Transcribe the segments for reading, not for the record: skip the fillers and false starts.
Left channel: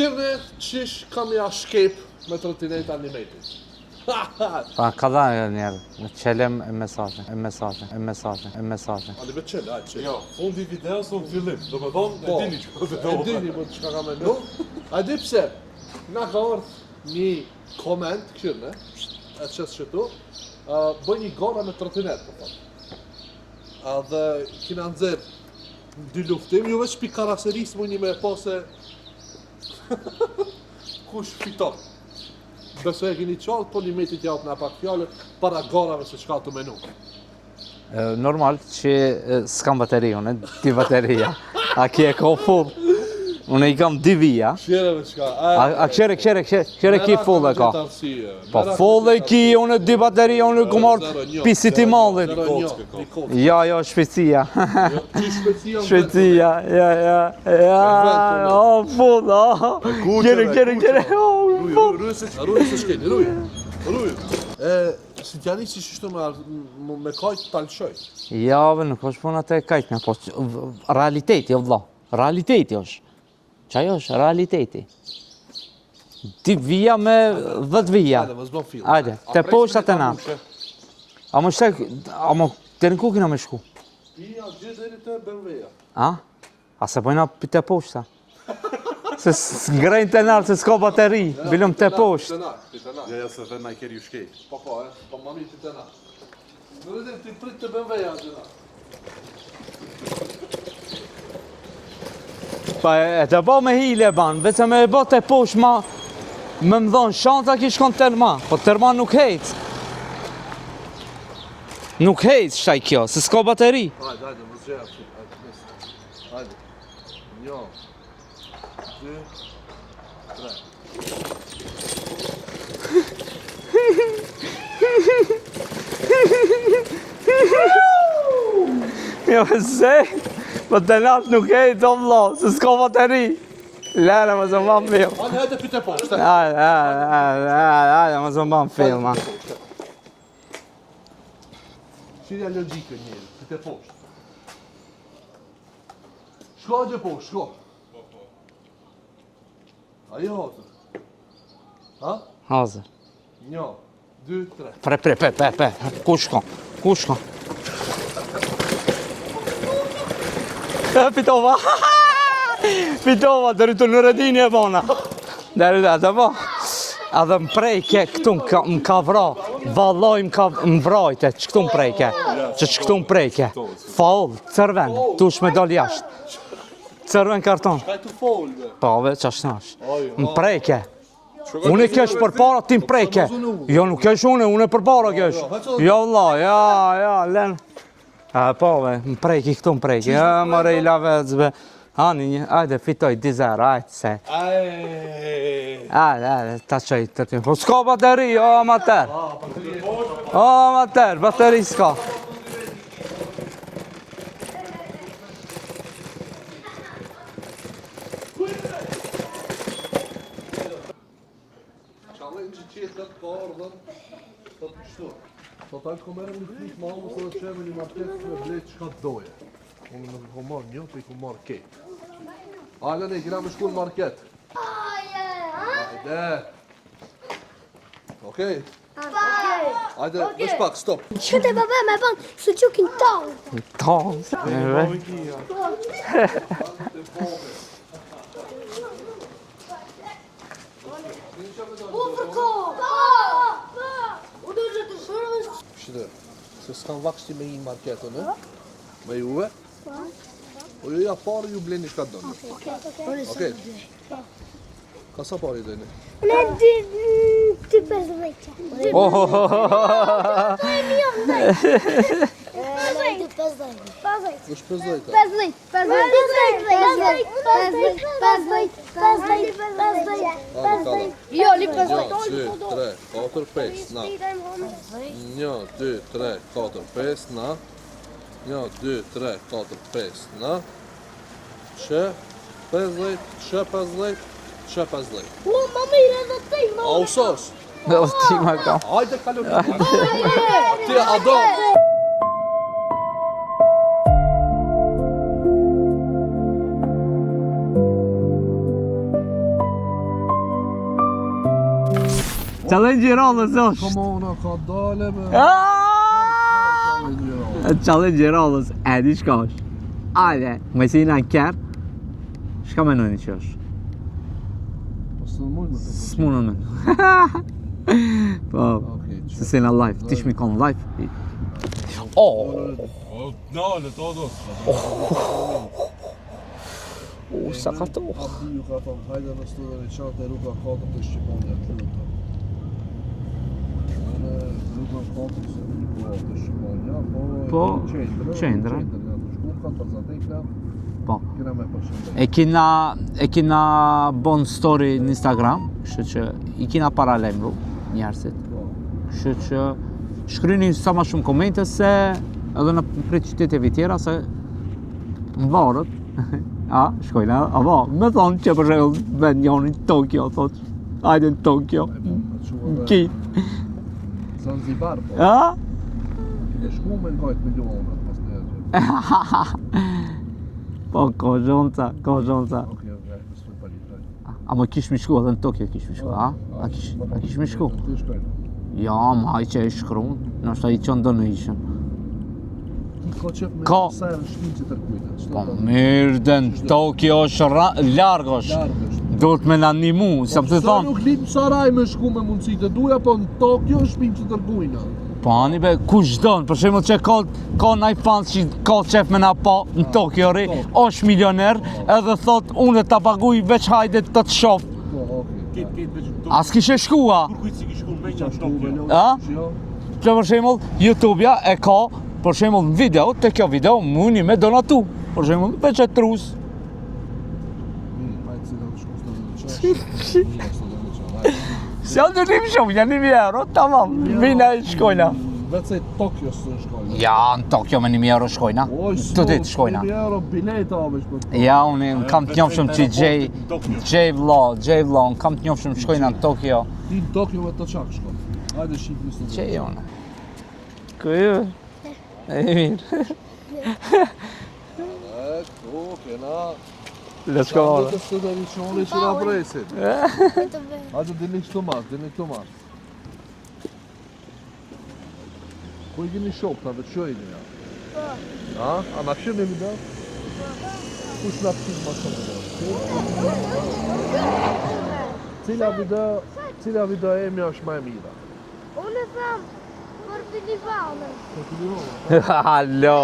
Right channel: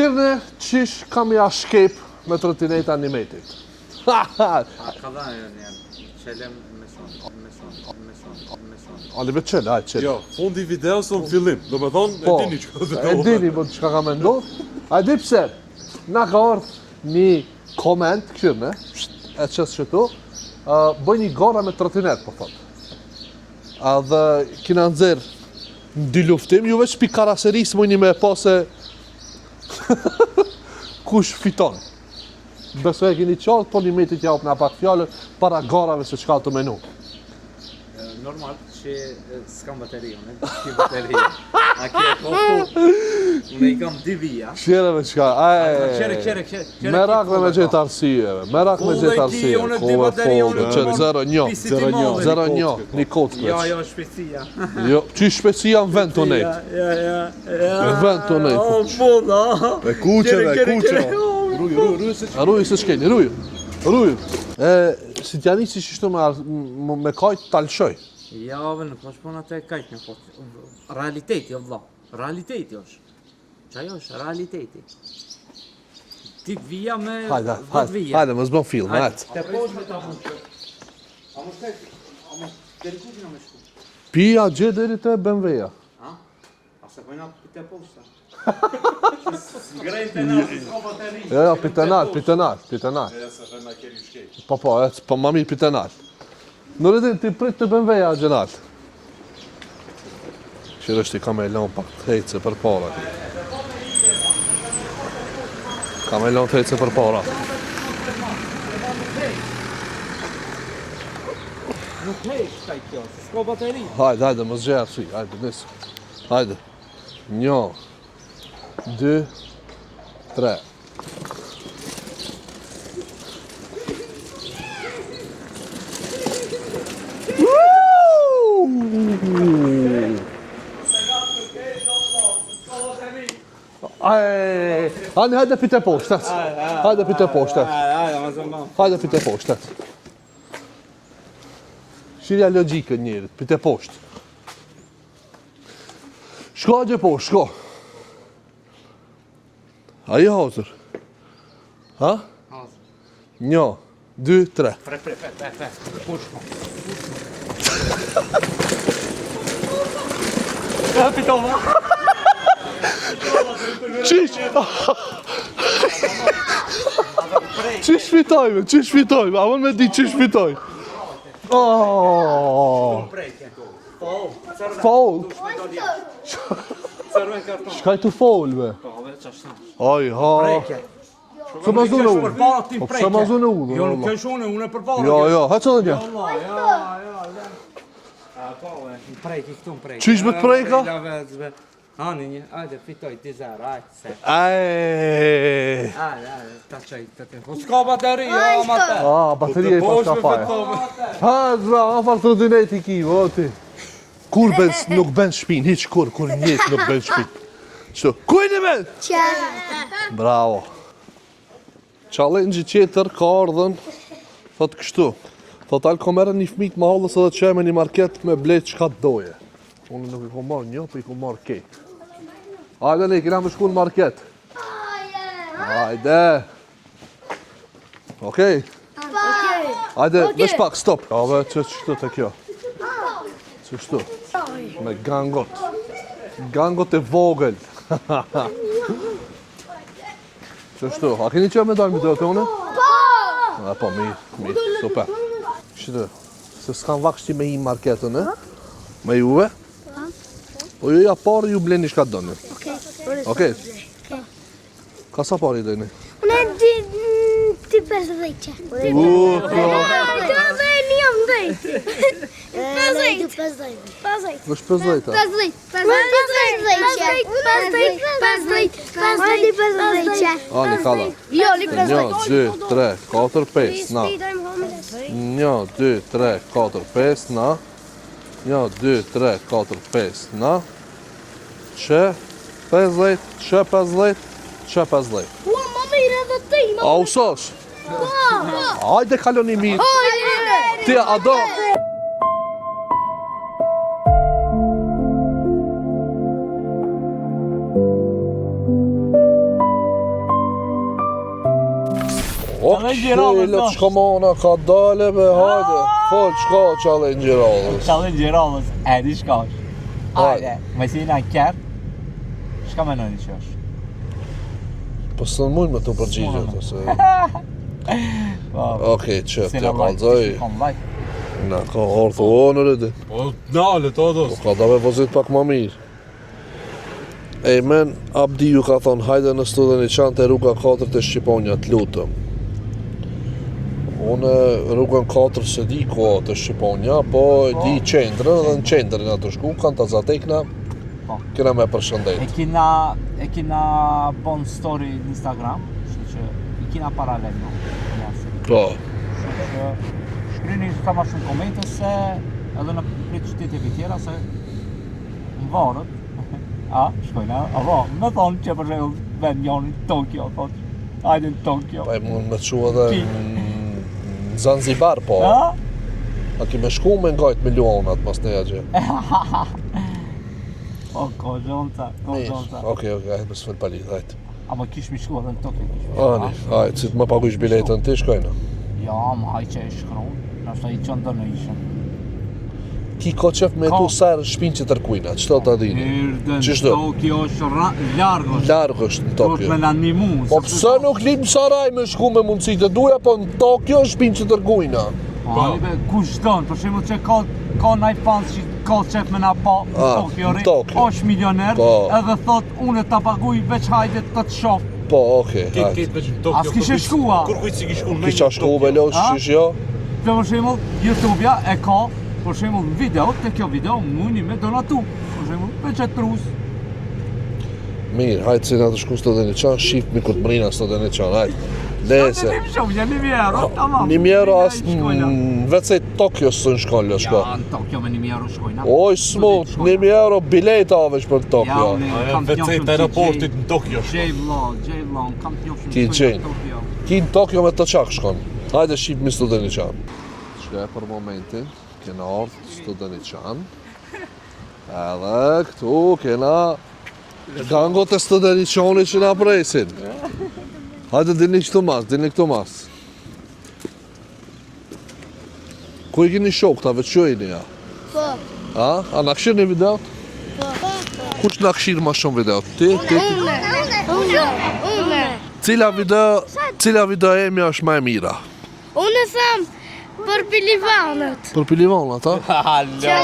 Kirne, qish kam ja shkep me trotineta animated? Pa, ka dha njerë, me qelem e mesazhin. Ali me qele, ajë qele. Jo, fundi videos o fillim, do me thonë, e dini që E dini, po çka ka mendu? A di pse? Na ka ardhë një koment, Kirne, e qësë që tu, bëj një gara me trotinet, po thot. Dhe kina nëzirë në dy luftim, ju veç pi karaserisë mëjni me po se kush fiton. Besoj e keni qartë, po një metit japë në pak fjallët para garave se qka të menu. Normal që s'kam bateri, unë, 2 bateria. A kje ka full. Unë i kam 2 vija. Qere me qka, A qere ki full me e gjithë ka. arsye. Full e ki, unë 2 bateria, unë i kumar pisit i madhe. 0-1, një kotë. Jo, shpecia. Jo, që shpecia në vend të Shpecia, nejtë. ja. Në vend të nejtë. O, puta. E kuqe. Ruje se shkeni, ruje. Si t'jani që shishtu me kajtë talëshoj. Ja, nuk është puna të e kajtme, po realiteti, o vla. Realiteti është. Qaj është realiteti. 2 vija me 10 vija. Hajde, më zbon film, Hajde, hajde. te poshta të na. A më shtek, a më të në ku kina me shku? Pia gjë deri te BMW-ja. A? A se pojna te poshta? Se s'ngrejnë të nalë, se s'ka bateri. Vilëm te poshta. Pitenat. Ja se them ai keri u shkej. Po ma mirë pitenat. Në rritin ti prit të BMW-ja, Gjenat. Qërë është i ka me elon pa tejtë për para. Pa e të bo me hile ban, veç me e bo te poshtë ma. Ka me elon tejtë Me për më do para. shanta ki shkon Terman, po Terman nuk hejt. Nuk hejt shtaj kjo, se s'ka bateri. Hajde, më zgjeja sy, hajde, nisë. Hajde. 1, 2, 3. Jo, se, po të natë nuk hejt, o vlo, se s'ka bateri. Hajde, më zë ban film. Hajde pite poshtet. Hajde pite poshtet. Hajde, më zë ban Hajde film. pite poshtet. Shirja logikën njërit, pite poshtë. Shko gjë poshtë, shko. Ajo hazër. Ha? Hazër. 1, 2, 3. Pre, ku shkon? Ku shkon? Pitova! Pitova, të rritur në rëdini e bona. Dhe po. A dhe më prejke Qish këtu fitojmë, qish fitojmë, a unë me di qish fitojmë. Më vrajte, që këtu më prejke. Që këtu më prejke. Faul, cërven, Faul. tush me dal jashtë. Cërven karton. Shkaj të folve. Pa, ve, që ashtë nash. Oj, Më prejke. Unë i kesh për para ti më Po, prejke. pse ma zone ullë, Jo, nuk kesh unë e për para Jo, kesh. jo, ha që dhe Jo, kesh? Allah, ja, len. A, po, ve, më prejke, këtu më prejke. Qish me të prejke? Marejlave, zbe. Hani, ajde, fitoj, 10, ajde, se. Ajde. Ajde, ta qoj të tim. Po s'ka bateri, o, mater. Bateria i pas ka farë. O, mater, bateri s'ka. Ka farë të dynet i ki, voti. Kur nuk ben shpin, hiq kur njët nuk ben shpin. Shtu, kujni me? Bravo. Challenge-i qeter ka ardhen, thot kështu. Thot alë ko merë një fmik ma hollës edhe që me një market me blet qka të doje. Unë nuk i ko marrë një, po i ko marrë kejt. Hajde, ne, kina me shku në market. Hajde. Okej. Hajde, vesh pak, stop. Së qukin tallë. Gangot. Gangot e vogël. Qështu, a keni që me dojmë të të une? A, po, mirë, super. Shtë, se s'kan vakshti me i marketën, e? Me juve? Po ju ja parë ju bleni shka të doni. Okej? Ka sa parë i dojni? Unë ti 50 që. Të dhe një jam dhej. 50. Në shpëzojta. 50. Ani, kalla. 1, 2, 3, 4, 5, na. 1, 2, 3, 4, 5, na. 1, 2, 3, 4, 5, na. Që 50, që 50, që 50. Më mirë edhe ti, A usosh? Dhe o ti ma ka. Hajde kaloni mirë. Ti, a do? challenge i radhës është. Shko mana, ka dale be, hajde. Fol, shko challenge i radhës. Challenge i radhës, e di shka është. Hajde, me si na kjerë, shka menojni që është? Po së në mujnë me të S'munën përgjigjet. Po, Okej, që si në like, ti kalzoj. shkikon like. Na, ka orë onër edhe. O, nale, to do. Ka da me pozit pak më mirë. E men, Abdi ju ka thonë, hajde në studën e qanë të rruga 4 të Shqiponja, të lutëm. Unë rrugën 4 se di ko të Shqiponja, po di qendrën, dhe në qendrën atë shku, kanë të zatekna, Po. kena me përshëndet. E kina bon story në Instagram, kështu që i kina paralajmëru njerëzit. Po, Kështu që shkryni sa ma shumë komente se edhe në prej qyteteve tjera se në varët. A, shkojna, apo, me thonë që për shembull vend njoni në Tokyo, thotë, hajde në Tokyo. pa e mund me që edhe Ki. në Zanzibar, po. A? A kime shku me ngajt milionat pas në jagje. Po, ko zhonca. Okej, hajde me s'fel palit, hajde. A më kish mi shku edhe në Tokyo kish mi shku, a? Hajde, si të më paguish biletën ti, shkojna. Ja, ma ai që i shkruan, nështë i qënë do në ishën. Ki ko qef me Ka. tu serë shpinë që tërkujna, qëto ta di? Mirë, në Qishto? Tokyo është largë është. Largë është në Do të Tokyo. me në animu, Po sepse pësa thonë, nuk linë Saraj me shku me mundësi të duja, po në Tokyo shpinë që tërkujna. po ani be, kush don, për shembull që ka naj fans që ka qef me na pa në Ah, Tokyo ri, në Tokyo. është milioner, Po. edhe thot unë ta paguj veç hajde të të shoh. Po, okej, hajde. Ketë veç në Tokyo. As kishe shkua. Kur kujtë si ki shku në Kisha shku me lo, A? shish jo? Që për shembull YouTube-ja e ka, për shembull video, te kjo video muni me donatu. Për shembull veç e trus. Mirë, hajde si na të shku së të dhe një qanë, shqip mi këtë mrina së të dhe një qanë, hajde. Sa të rim shumë, janë 1.000 euro, tamam. 1.000 euro Vina as shkojna. vetë se Tokyo së në shkollë, Ja, shko. në Tokyo me 1.000 euro shkojna. Oj, Të smut, ditë shkojna. 1.000 euro bileta avesh për Ja, Tokyo. unë kam të njofshëm që aeroportit në Tokyo. J Vlog, unë kam të njofshëm Ti që shkojna Jay. në Tokyo. Ki në Tokyo me të qak shkon. Hajde shqip mi së të dhe një qanë. Shkaj për momentin, kena orë së të dhe një qanë. Edhe këtu kena Kanë të së të një qoni që na presin. Hajde, dini këtu mas. Ku i kini shok, ta veç që i një ja? Po. A na këshirë një video? Ku që na këshirë ma shumë video? Ti? Unë. Cila video e mja është ma e mira? Unë them për pilivanët. Për pilivon, ata? Halo.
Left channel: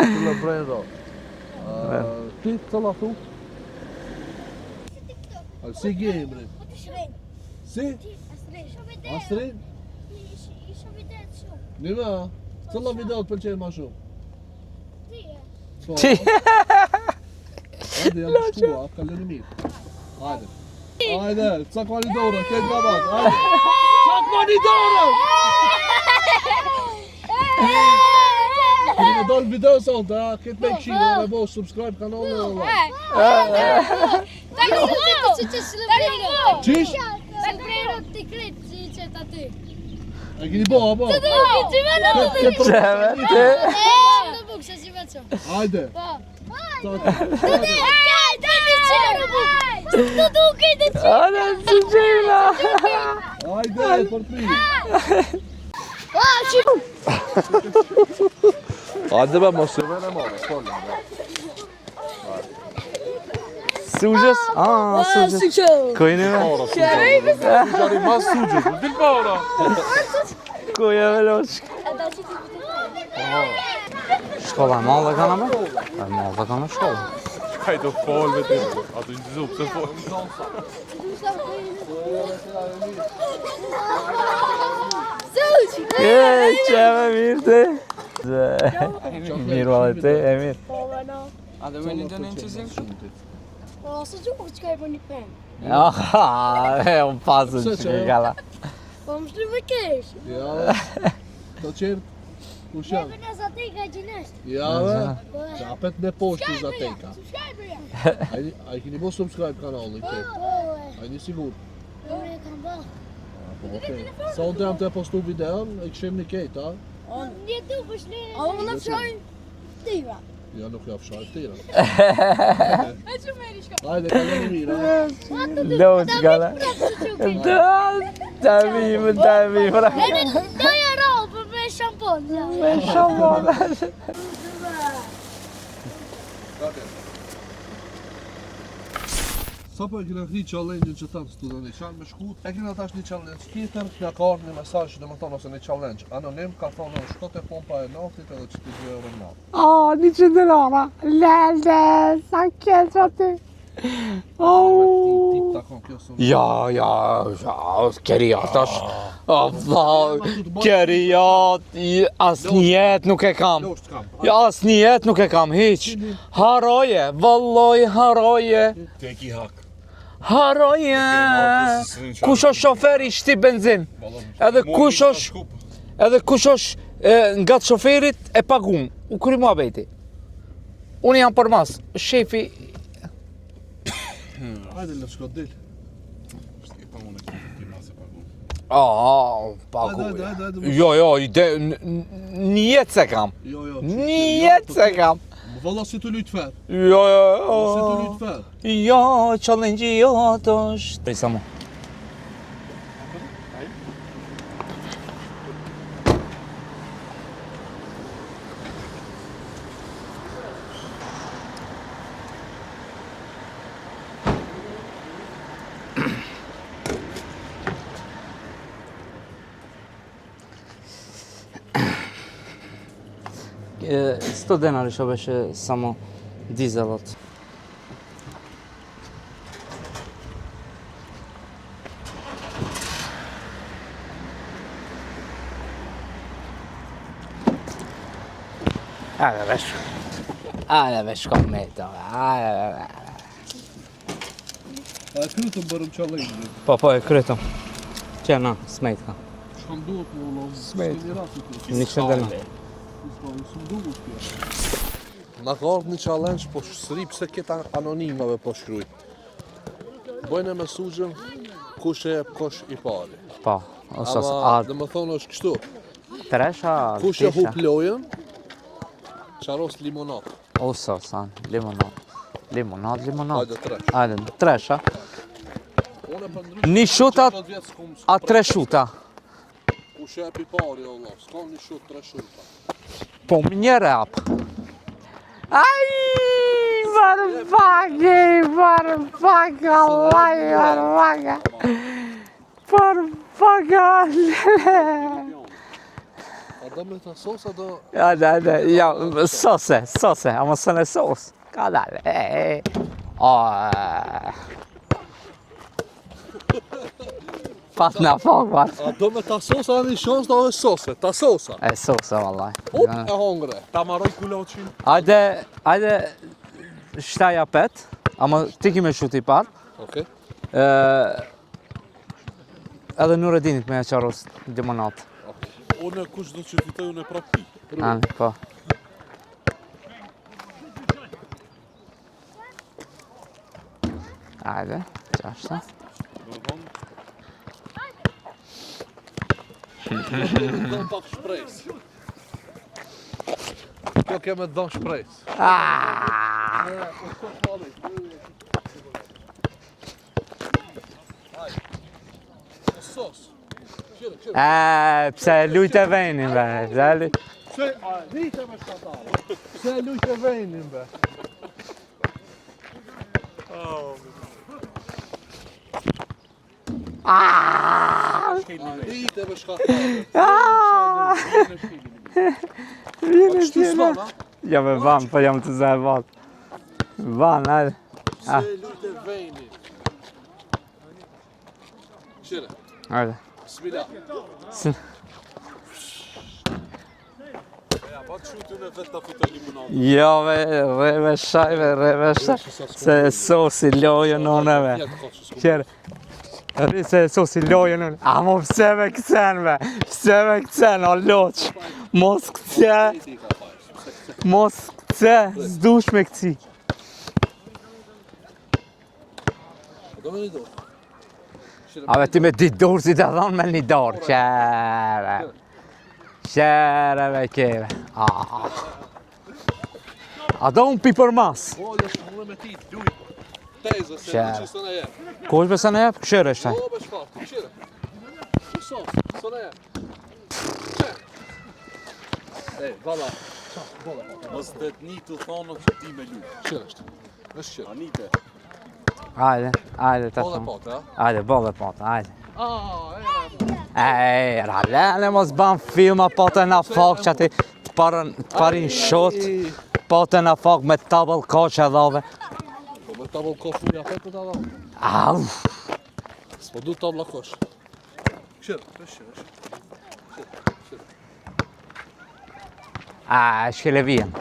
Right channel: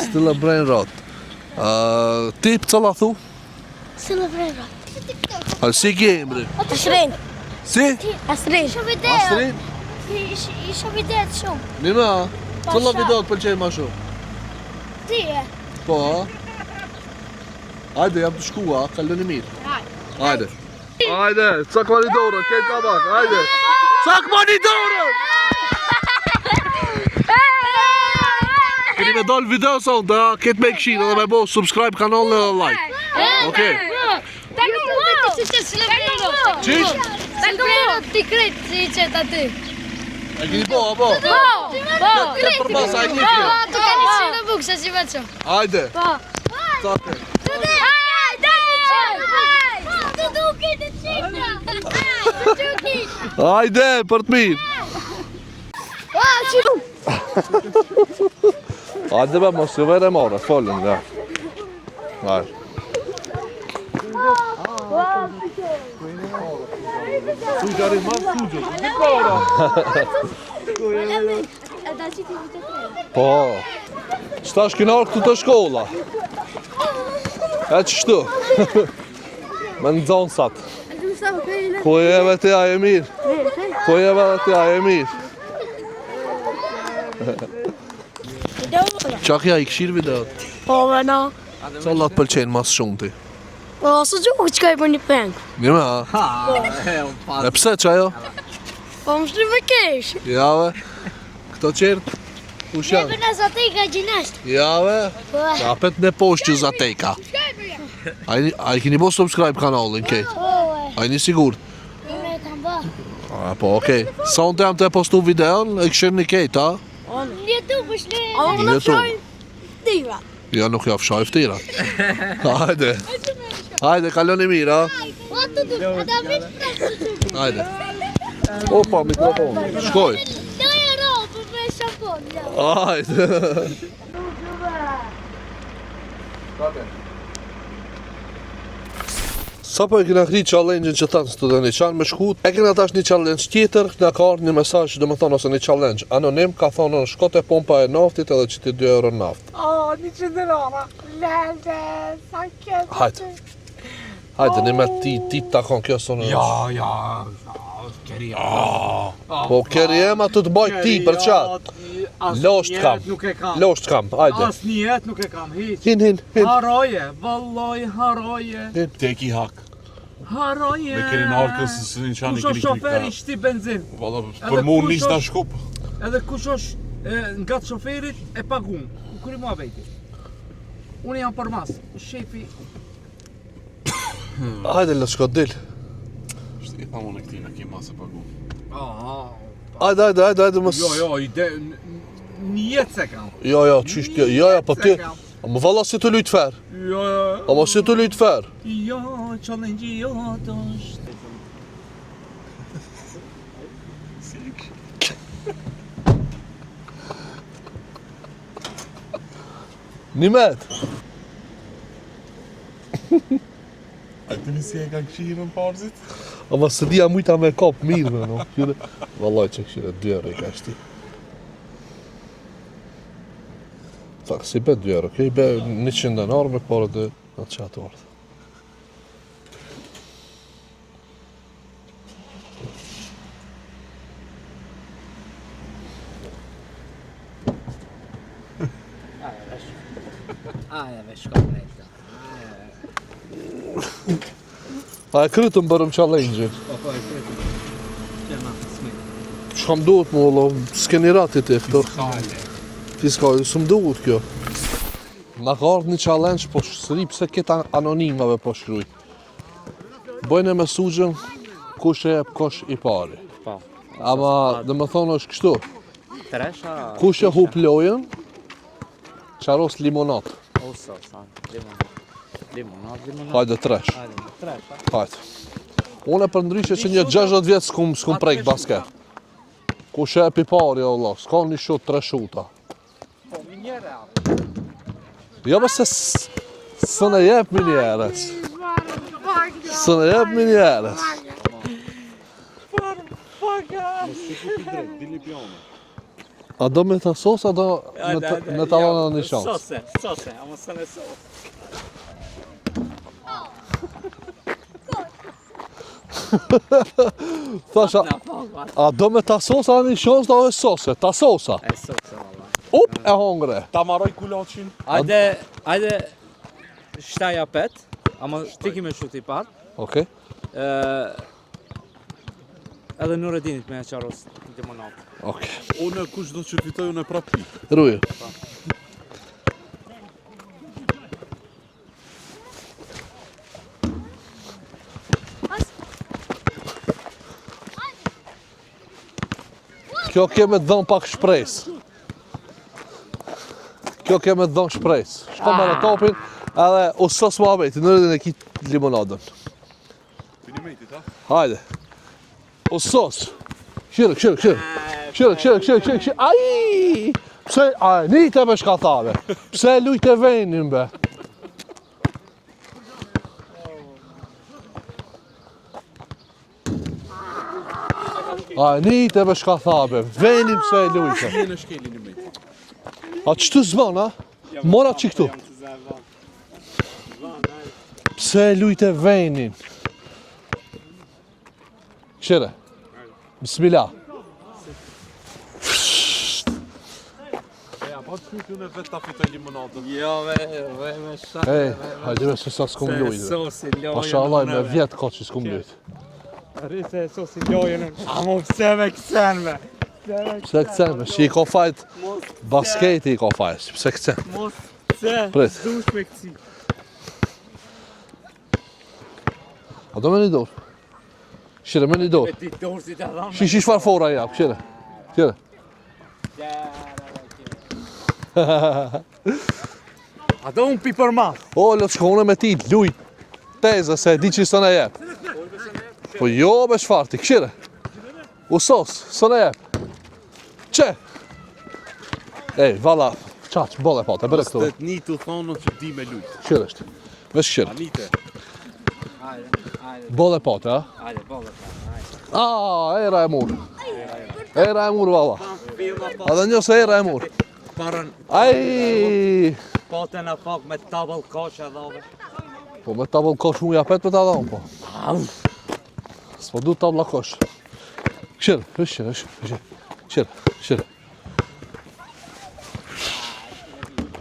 Stilla Brain Rot. Ti për cëlla thu? Se në vrejra. A si ki emri? Asrin. Si? Asrin. Isha video. Astrid? Isha video të shumë. Nima, cëlla video të pëlqej ma shumë? Ti e. Po. Hajde, jam të shkua, kaloni mirë. Hajde. Hajde, cak monitore, këtë ka bak, hajde. Cak monitore! Keni me dollë video sonë, da këtë me këshirë dhe me bo subscribe kanalën dhe like. Okej. Qish? Ti kretë si i qëtë aty. E keni bo, bo? Ti me në Këtë për shpasa e një të. në bukë, se si me që. Hajde. Cak. Të duke të që. Hajde, për të mi. Qiku. Hajde be, mos ju vere more, folën dhe. Hajde. Sugjës? Ah, sugjës. Kojnë me? Koja me losh. Po. Shta shkinar këtë të shkolla. Pa ka me shkollë. E që shtu? Me në zonësat. Ko e vetë ja e mirë. Ko e vetë ja e mirë. Që me mirë. Qak ja i këshirë video. Po, me na. Qalla të pëlqenë mas shumë ti. Po, së gjuhë që ka i për një pengë. Mira, Unë pasë. E pse që ajo? Po, më shri më kesh. jave. Këto qertë. Kush janë? Neve në zatej ka gjinasht. Jave. Kapet në poshtë që zateka. A i kini bo subscribe kanalin, kejt? A i një sigur? Me kam bë. Po, okej. Sa unë të jam të postu videon, e këshirë një kejt, a? Në YouTube është Në YouTube. Tiva. Ja, nuk ja fshaj ftirat. Hajde. Hajde, kaloni mirë, ha? Lëvës gala. Opa, shkoj. Doja roba me shapon. Hajde. Sa po e kena kri challenge-in që tanë studenti, qanë me shkut, e kena tash një challenge tjetër, në ka ardhur një mesazh, do më thonë, ose një challenge anonim, ka thonë, shko te pompa e naftit edhe që ti 2 euro naft. 100 euro. Lele, sa kjetë aty. Hajde, një me ti takon kjo sonë. Ja, keri tash. Po keri ema të baj ti për qa. Asnjëhet nuk e kam. Losht kam, hajde. Asnjëhet nuk e kam, hiq. Hin. Haroje, valloj haroje. Tek I hak. Haroje. Kush është shoferi shti benzin? Edhe kush është Edhe kush është nga të shoferit e pagun. U kry mua veti. Unë jam për mas, shefi. Hajde, le shko dil. Shtë e pa unë ke masë e pagu. Hajde, mos. Jo, një jetë se kam. Jo, qysh kjo, jo, po ti. Më valla si të lujt fer. Jo. Ama si të lujt fer. Jo, challenge jot është. Prisa mu. Një met. Ti si e kanë qirë në parzit? Ama se dhja mujta me kap mirë, no. Vallaj që këshire 2 euro I ka shti. Sto denari što беше само 100 denar me dizelac. porë dhe qatë orë. Ajde veš kometa. A e krytëm bërëm challenge-in. Po e krytëm. Qena, smejtna. Shka më duhet mu, lo, s'keni ratit e këto. Fiskali, së më duhet kjo. Ma ka ardhë një challenge, po sëri pse këta anonimave po shkruj. Bojnë e mesuzhën, kush e jep kosh I pari. Po. Ama, dhe më thonë është kështu, Tresha. kush e hup lojën, qaros limonat. Osa, san. Limonat. Hajde tresh. Hajde, tresha. Hajde. Unë e për ndryshe Një që një shuta- 60 vjetë s'kum A tre prejt shuta. basket. Kush e jep I pari, Allah, s'ka një shut 3 shuta. Po një rap. Jo nëse së në jep një herës. Së në jep një herës. A do me ta sos, a do me ta Ja, një shans? sose, ama së në sos. Ka dale. Thasha, Patna fak. a do me ta sos, a një shans, da është sose, ta sosa. E sosa, vallaj. E hongre. Ta maroj kulaçin. Ajde, shtaja pet, ama ti ki me shuti pat. Okej. Edhe Nuredinit me e qaros limonat. Okej. Unë kush do që fitoj unë e prap pi. Rujë. Po. Ajde, qashta. Kjo keme të dhënë pak shpresë. Kjo keme të dhënë shpresë. Shko me në kapin, edhe u sos Muhameti, Nuredin e kitë limonadën. Hajde. U sos. Qire. Pse lujtë e venin, be. Pse, nite me shkatave. Pse lujtë e venin, be. Nite me shkatave. Venin pse lujtë. A qëtu zban, a? Ja me Mora van, që po këtu. jam të zë van. Van, ajde. Pse lujtë e venin. Qire. Ajde. Bismillah. Po të qytën e vetë ta fitoj limonat. Jo, me shajve, me Gjera shajve. që sa s'kum Se lujë. sosi lojën Mashallah, me oneve. vjetë ko që s'kum Qere. lujë. Se sosi lojën unë. Amo pse me kësen me. Pse me kësen, o Që I ko loq. fajt, Mos kësen. basketi I ko fajt, pse këse. Mos kësen. Prit. Zdush me këci. A do me një dorë? Shire, me Ave një ti me dorë. ditë dorë si të thonë me Shish një i shfafora, ja, Qere. Qire. Qere me kere. A do unë pi për mas. O, le të shkone me ti, lujt. teze se e di që i së në jep. Ku është besë në jep? Po Këshire. jo me shfarti, këshire. Usos, së në jep. Që? Ej, valla, qaq, bolle pate, bërë këtu. Stet një të thonë që di me lujtë. Këshire është. Vesh këshire. Anite. Ajde. Bolle pate, ha? Ajde, bolle pote, ajde. Era e murë. Era, Era ne mur, mos valla. ban filma pote Edhe na nëse era e fok që mur. ti parin shot, pote na fok me tabel koqe dhove. Po me tabull kosh mu japet për ta dhonë, po. Au! S'po du tabla kosh. Këshire, këshire. A, shkele vijen.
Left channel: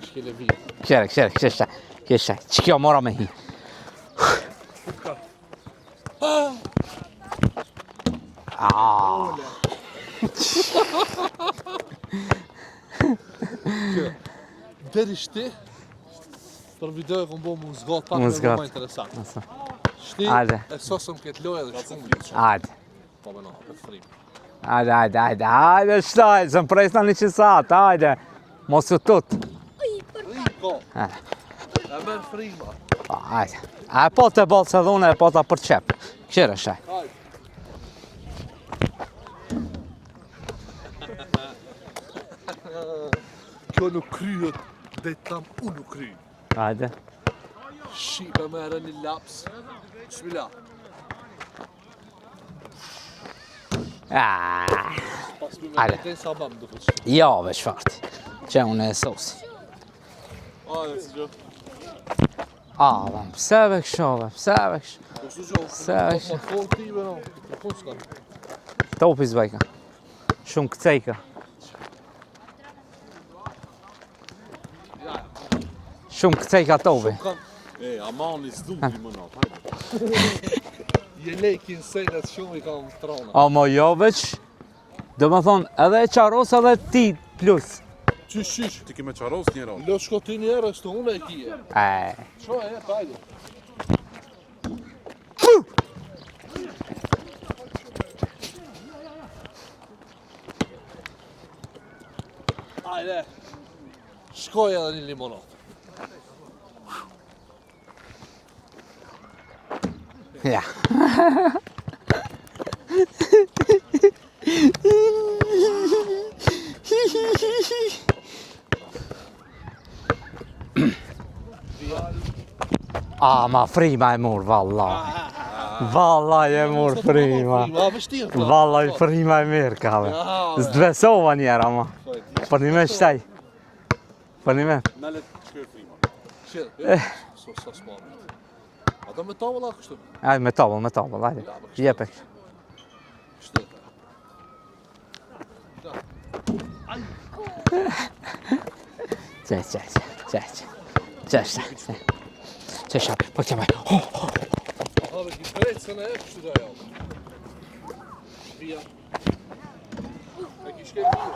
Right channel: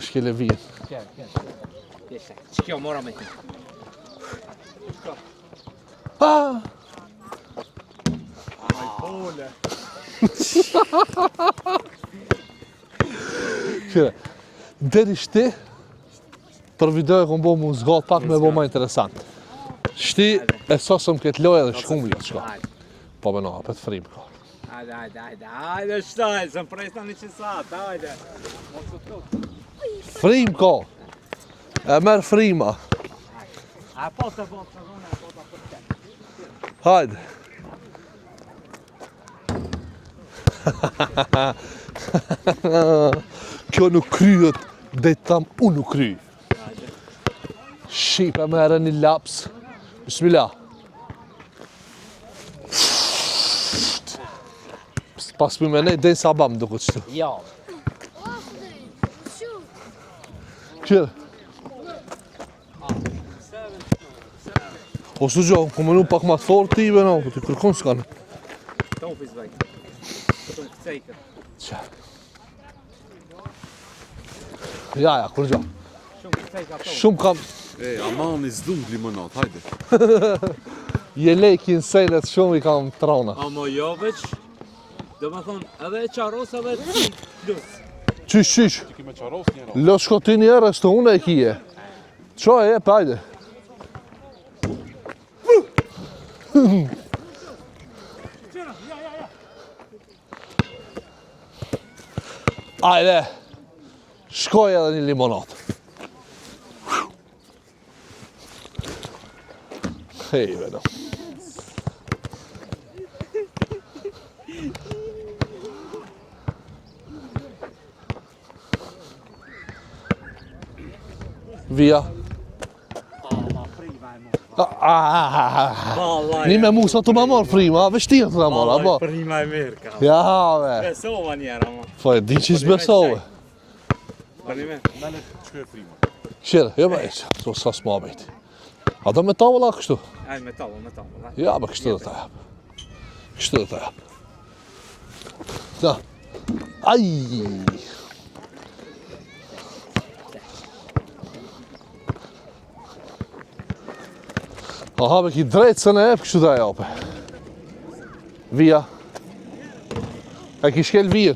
Shkele vijen. Këshire. Që kjo mora me hi. Këshire. Deri shti, për video e kom bo mu zgat pak Mu me bo zgat. ma interesant. Shti, Ajde. e sosëm këtë loja dhe shkum litë. Ajde. Po me no, apet frim. Ajde, shtaj, zëm presna një qësat, ajde. Mos të tut. Frim ko. Ah. E merë frima. Ajde. A po të bolë se dhune, e po të përqep. Këshire shaj. Hajde. Kjo nuk kryet dhe tam unë nuk kry. Ajde. Shqipe mere një laps. Bismillah. Pas për me nej dhe sabam duke qëtë. Jo, veç fakt. Që unë e sos. Kjo. Pse ve këshove, pse ve këshove. O së gjo, ku më nuk pak ma të fort ti be no, të kërkon s'kan. Topi zbajka. Shumë këcejka. Ja, kur gjo. Shumë këcejka topi. Shumë kam, E, amani s'du limonat, hajde. je lekin selet shumë i kam trona. A mo jo veç. Do me thonë, edhe e qaros edhe ti plus. Qysh. Ti keme qaros njëra. Lo shko ti njerë, së të une e kije. Qa e, pajde. Ajde, shkoj edhe një limonat. Hej, Ja. via. Ma frima e mor, valla. Valla Një me mu sa të më marë frima, a vështirë të Valla marë. e frima e mirë, ka. Ja, S'dvesova njera, ma. po e di që Po një me s'besove. shtaj. Po një me. Nale, shkoj frima. Qire, jo me, so sa s'ma bejt. A do me tavola kështu? Aj, me tabel, aj. Ja, me kështu dhe Jepe. të jap. Kështu dhe të jap. Da. Aj! Qesha, po të jabaj. A habe ki drejtë se ne e kështu dhe jape. Via. E ki shkel vijë.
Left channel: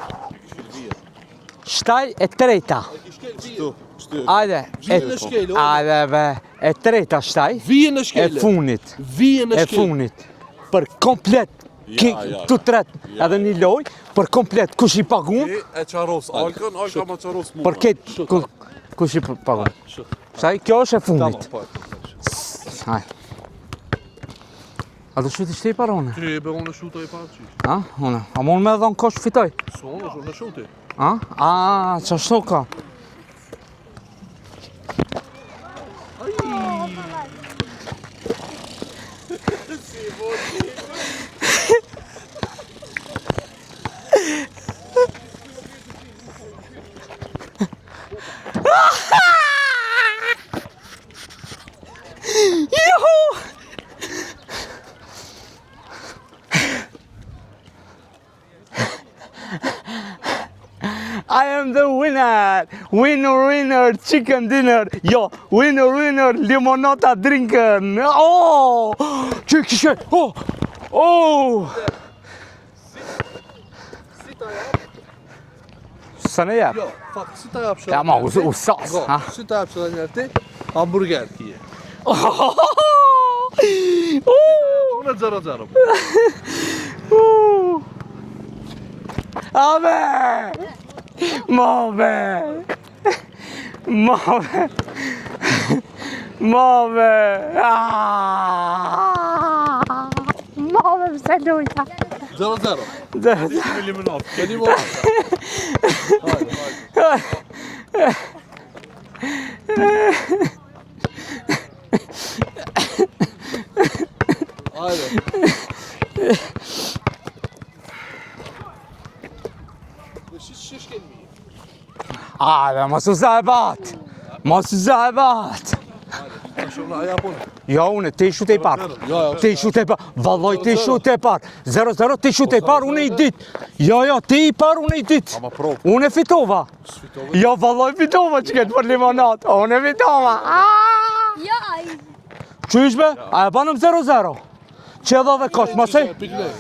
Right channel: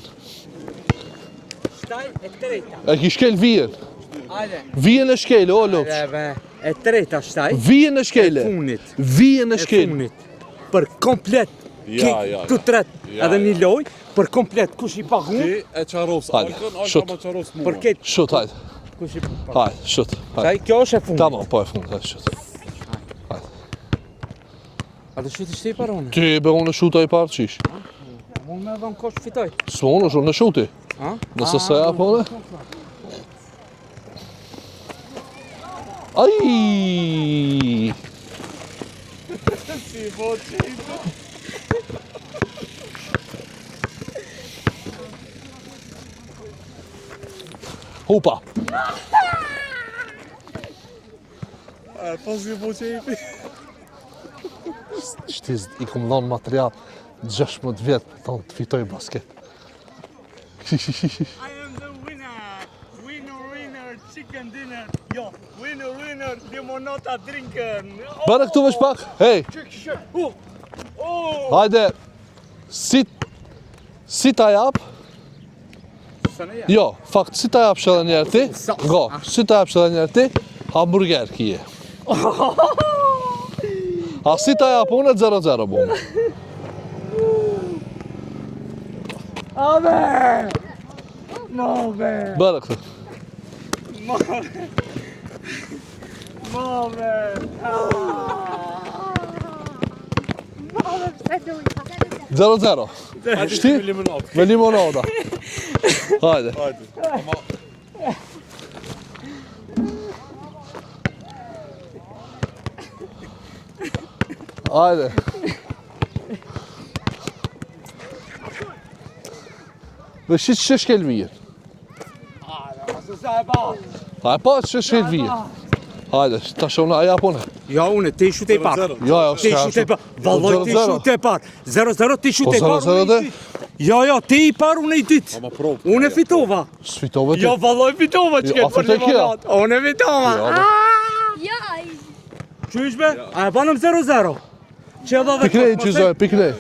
Shtaj e treta. E ki shkel vijë. Ajde. Vijën e shkel, o Ajde, loq. be. E treta shtaj. Vijën e E shkel. funit. Vijën e E shkel. funit. Për komplet. Ja. Tu tret. Ja, Edhe një loj. Për komplet. Kush i pagun? Ti e qaros Hajde, Alkën, shut. Alka ma qaros mua. Për këtë. Shut, hajde. Kush i pagun? Hajde, shut. Shtaj, kjo është e Tamam, funit. po e fund, hajde, shut. Hajde. A do shuti shti parone? Ti be unë shuta i parë qish. A, une. A mund me dhon kosh fitoj? S'mo unë është unë shuti. A? Nëse se apo Që është? shtu ka? Aj! Hupa! Shtiz, i kom nënë material 16 vjetë tonë të fitoj maske. I am the winner! Winner, chicken dinner! Jo, winner, limonata drinken! Bare këtu vesh pak, hej! Kishë! Oh! Hajde, si ta jap? Sa ne ja? Jo, fakt, si ta jap shëllë Ja, ma, njerë ti? u sos, Go, ha? si ta jap shëllë njerë ti? Hamburger kije. A si ta jap unë 0-0 bu. Abe! Mave! Bare këtu. Mave! Mame! Mame, pse lujta. 0-0. Shti? Me limonada. Hajde. Hajde. Me shqit që shkel mirë. Hajde, mos u zebat! Hajde, pa Mos që u shkel mirë. zebat! Hajde, ta shona aja pone. Jo, une, ti shute i parë. Jo, Ti shute i parë. Vallaj, ti shute i parë. 0-0, ti shute i parë, une i dit. Jo, ti i parë, une i dit. Une fitova. Sfitove ti. Jo, vallaj, fitova që këtë për limonat. Une fitova. Ja, Qyshme? A e panëm 0-0. Që edhe dhe Piklej, kot, që zoj, piklej.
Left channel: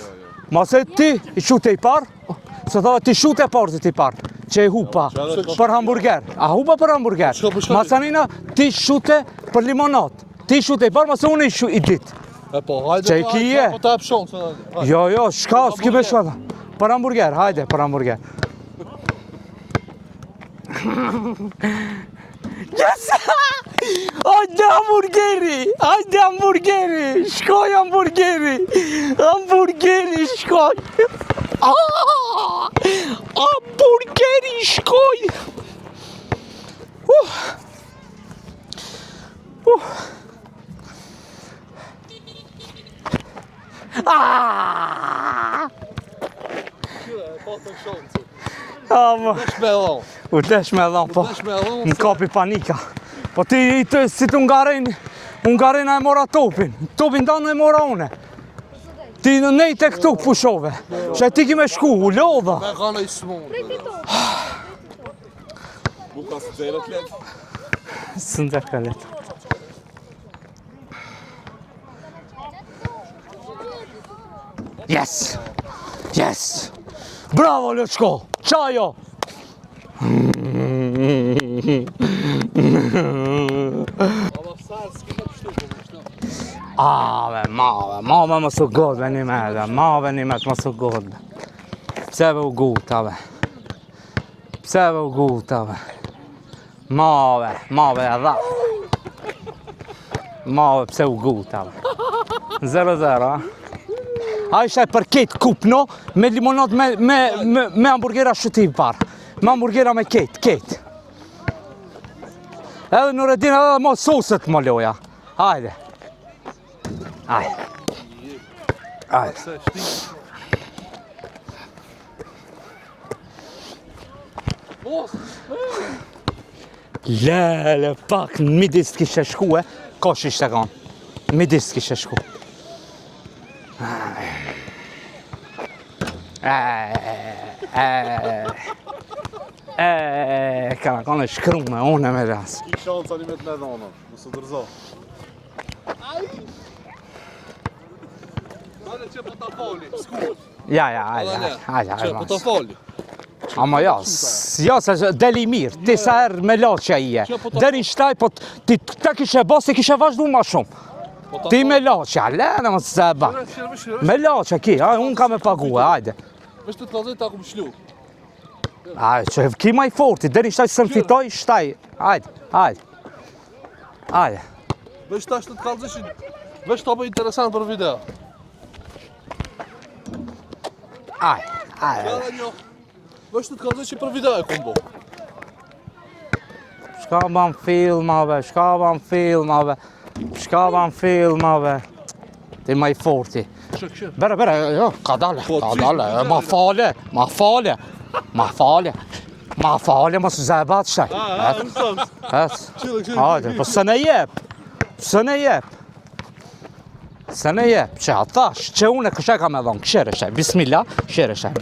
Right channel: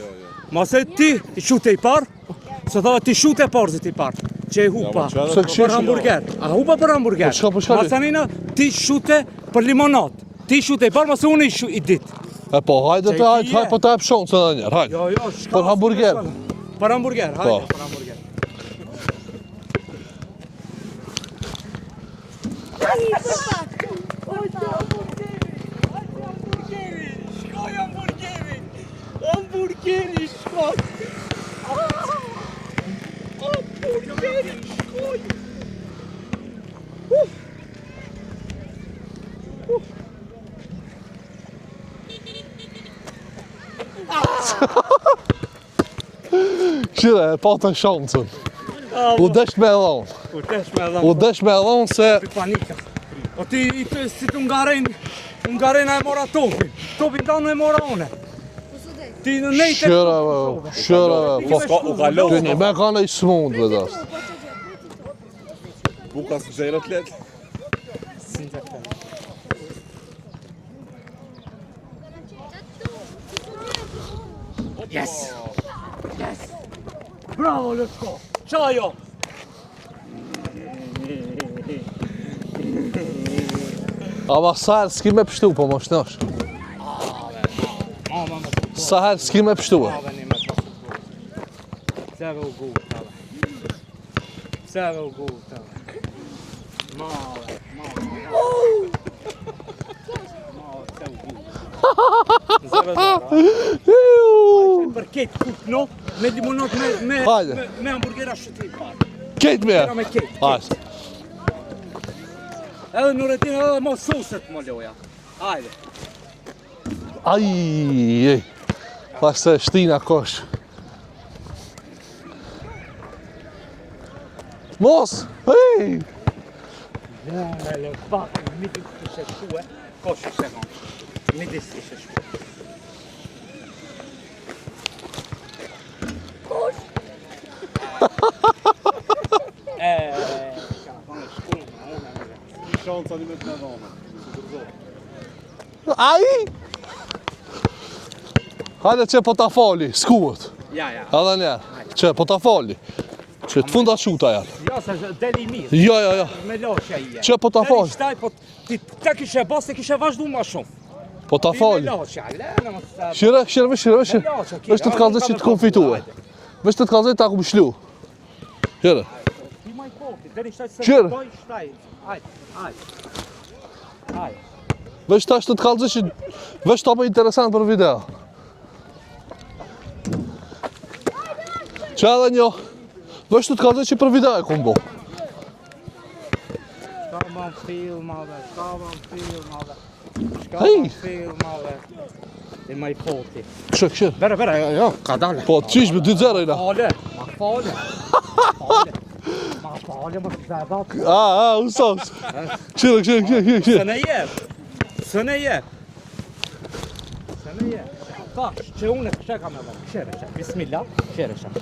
mos e ti shute i parë. Se thava ti shute e parë se ti parë. Që i hupa për hamburger. A hupa për hamburger. çka po shkali? Masanina, ti shute për limonat. Ti shute i parë, mos e unë i dit. E po, hajde Që të i kije. hajde, po ta e pshonë të njerë, hajde. Jo, shka Për s'ki me hamburger. shaka. Për hamburger, hajde, për hamburger. Hajde hamburgeri, hajde hamburgeri, shkoj hamburgeri, hamburgeri shkoj. Hamburgeri shkoj. Qire, e pa të shancën. U desh me dhonë. U desh me U dhonë, desh me dhonë Më se... kapi panika. Po ti si të Ungarin e mora topin. Topin tanë e mora une. Ti në nejt e këtu këfushove. Që ti ki me shku, u Një lova. me kanë i smund, me dhe. Buka së gjenë atlet. Së në të këllet. Yes! Yes! Bravo, Lëçko! Qajo! Ama sajrë s'ki me pështu, po më shnosh. Mave më së godë. Sa herë s'ki me pështu? Mave një me të më së godë. Pse ve u gutave? Pse ve u gutave? Mave e dha. Mave pse u gutave? 0-0, a ishte për ketë kupno, me limonat, me hamburgera shutim parë. Me hamburgera me ketë. Edhe në redin edhe mo soset më loja. Hajde. Aj. Pas se shtina kosh. Mos! Ej! Lele, pak në midis t'kishe shkue, kosh ishte kanë. Midis t'kishe shku. Kana kanë shkru me une me ras. I shansa një me të ledhana. Së dërzo. Aj! Hajde që po ta fali, skuët. Ja, Hajde njerë, që po ta fali. Që të funda shuta ja. Jo, se deli mirë, Jo, disa jo. herë me loqja ije. Që po ta Deri fal. shtaj, po ti ta kishe bas, ti kishe vazhdu ma shumë. Po ta Ti me fali. loqja, lene më se ba. Shire. Me loqja ki, Vesh të të unë kalzë kam që e të kom pagu, fitua. hajde. Vesh të të kalzë ta kom shlu. Shire. Hajde, që ki ma i forti, deri shtaj se më Qire. fitoj, shtaj. Hajde. Vesh tash të të kalzë që... Vesh të bëj interesant për video. Që edhe njo. Vesh të të kalzë që për video e kom bo. Shka ban filmave. Ti ma i forti. Shire. Bere, ka dale. Po, qish me dy zero. Ma fale, mos zebat shtaj. Unë sams. Hajde, po Qire. se ne jep. Se ne jep, që atash, që une këshe ka me dhonë, këshere shaj, bismillah, këshere shaj.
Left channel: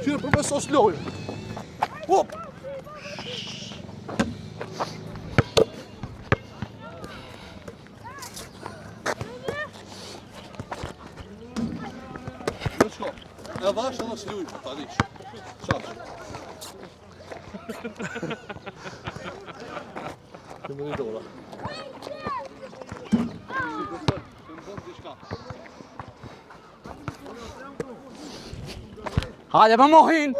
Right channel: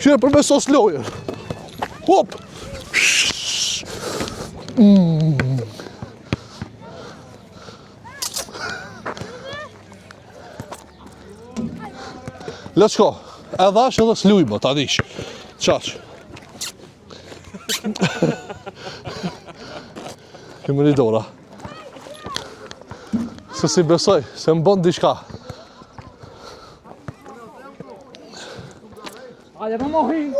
Qire për me sos lojën. Hop! Lëçko, edhe është edhe s'lujmë, ta dish. Qaq. Këmë një dora. Se si besoj, se më bënd diçka. Hajde më mohin.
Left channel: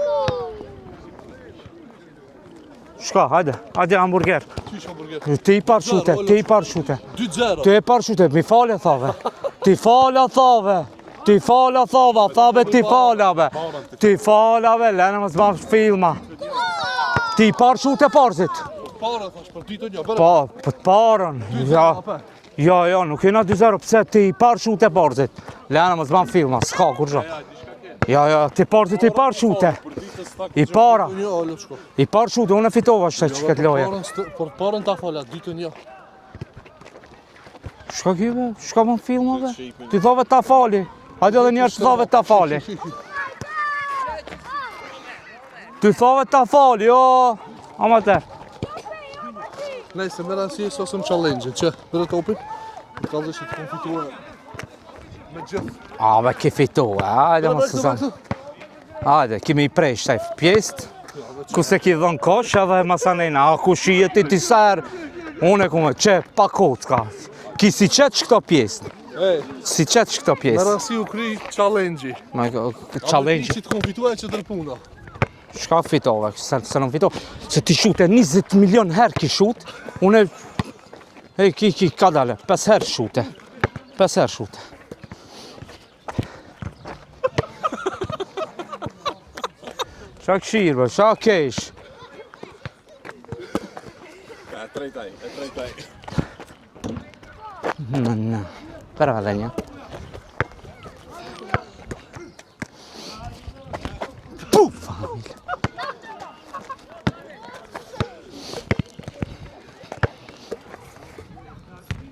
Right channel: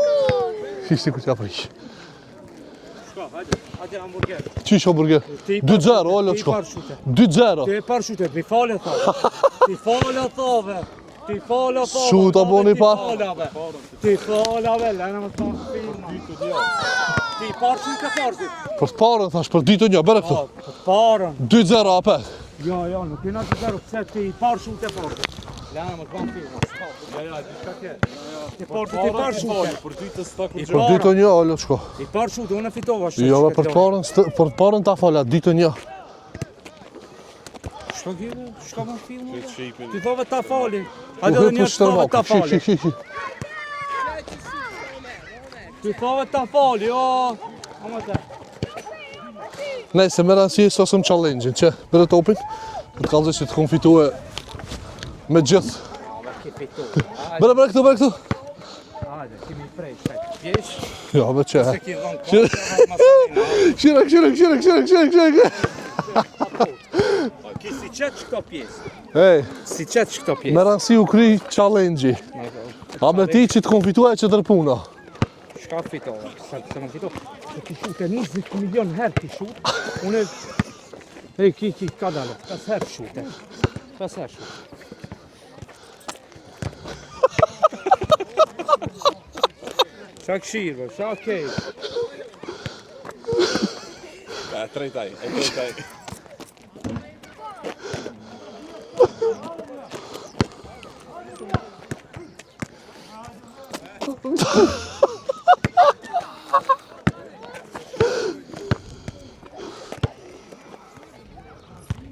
Ishte ku t'ja pëjsh. Shka, hajde hamburger. Qish hamburger? Ti i parë 2-0, shute, alo, ti i shko. parë shute. 2-0. Ti e parë shute, mi falë thave. Ti falë thave. Ti falë thave, Shuta thave boni ti pa. falave. Ti falave, lena më zbam filma. Ti i parë shute parzit. Për të parën, thash, për ditë një, bërë Po, këtë. për të parën. 2-0 apë. Jo, nuk jena 2-0, pse ti i parë shute parzit. Lena më zbam filma, s'ka kur gjo. Jo, ti parzit i parë shute. I Për parë, ditë një, alo, shko. i parë shute, unë e fitova shte Jo, që për këtë të loja. parën, për ta falat, ditë një. Shka kive, shka më filmove? Ti thove ta fali. Hajde dhe njerë të thove ta fali. Ti thove ta fali, jo. Ama te. Nej, se më rësi e sasëm challenge-in, që bërë topin, të kalëzë që të konfitue me gjithë. A, be ki fitove, Bërë këtu, bërë këtu. Hajde, kimi i prej shtaj pjesë, Ja, be që. kuse ki dhon kosh edhe masanejna, a ku shijet i ti sërë. Qek. Une ku me qep pa kocka. Ki si qet që këto pjesë, Ej, si qet që këto më pjesë. rësi u kry challenge-i. A be ti Abe ti që të konfitue që dërpuna. Shka fitove, se nuk fitove. Se ti shute 20 milion herë ki shut, une... Ej, ka dale, 5 herë shute. 5 herë shute. Qa këshirë, bë, qa kesh. Trejtaj. Në, tëra dhe një.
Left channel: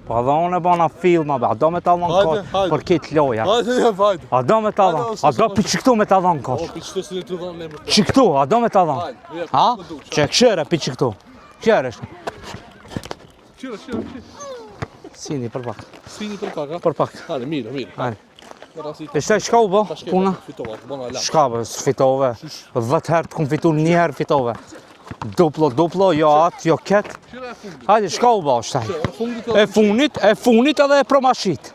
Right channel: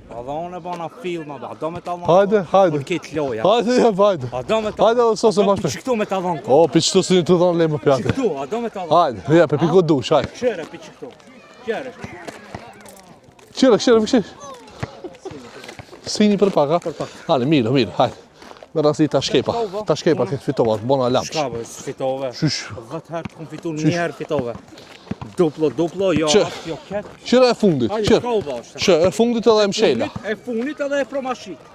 Pa dhe unë e bana filma, a do me ta Hajde, dhënë hajde. për kitë loja. Hajde. A do me ta Hajde, dhënë, ose a se do marrë. për që këtu me ta dhënë ko. O, për qëtu si të dhonë lejmë për Që këtu, a do me ta dhënë. Hajde, ja, për piko dush, Që hajde. këshere për që këtu. Këshere, Këshire. sini për pak. Sini për pak, ha? Për pak. Hajde, mirë, hajde. Më rësi ta E shaj shka u bë? Ta shkepa Puna? këtë fitova, të bona lamë. Shka bë, fitove. Qysh? 10 herë të kom fitu, një herë fitove. Duplo, jo Që? atë, jo ketë. Qire e fundit. Hajde, qire. shka u bë është? Që, e fundit edhe më shena. E funit edhe e promashit.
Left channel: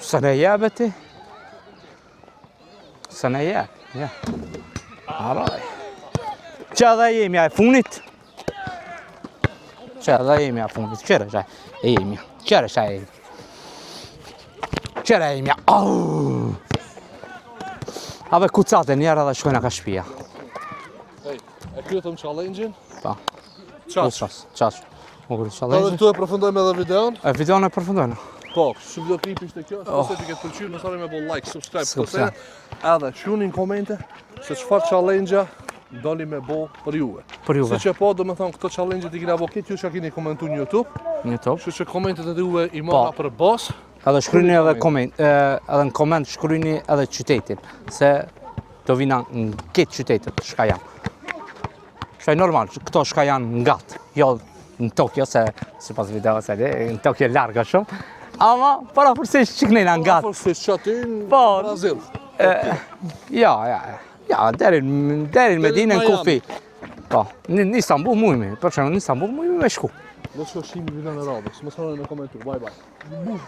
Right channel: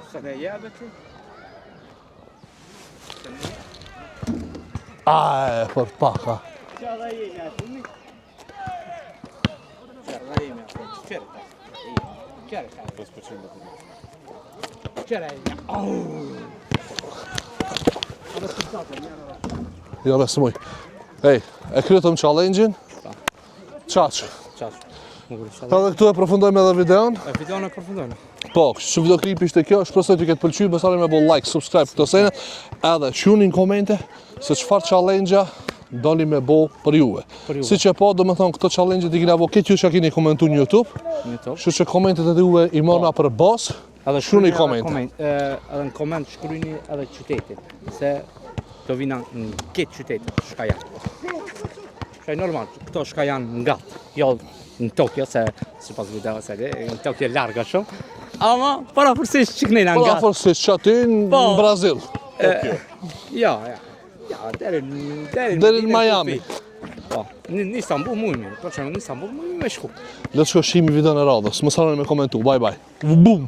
Se ne jebe ti? Se ne je, ja. Për pak, ha. Që edhe jemi e funit? Që edhe jemi e funit, qëre që e jemi, qëre që e jemi. Qëre e jemi, au! Ave kucate njerë edhe shkojna ka shpia. Ja, besë muj. Ej, e kryetëm challenge-in. Pa. Qash. Qash. Ka dhe këtu e përfundojmë edhe videon. E videon e përfundojnë. Po, që videoklipi ishte kjo, shko se ti këtë pëlqy, besani me bo like, subscribe, këto sene. Edhe qunin komente se qëfar challenge-a doli me bo për juve. Për juve. Si që po, do me thonë, këto challenge-et i kina bo këtë ju që kini komentu në YouTube. Një to. Që që komentet e juve i marra për bas. Edhe shkryni Shkruani edhe koment, edhe në koment shkryni edhe qytetin, se do vina në këtë qytetit shka janë. Shkaj normal, këto shka janë nga të, jo në Tokyo, se pas video se në Tokyo larga shumë, ama para përsisht qiknina Po, nga da të. fërsi që atin në Po. Brazil. Ja, deri në Deri Medinë në në Miami. Kufi. Po, në Istanbul mujmi, për që në Istanbul mujmi me shku. Le të shko shimi video në radhës, më sarën me komentu, bye bye. Bum!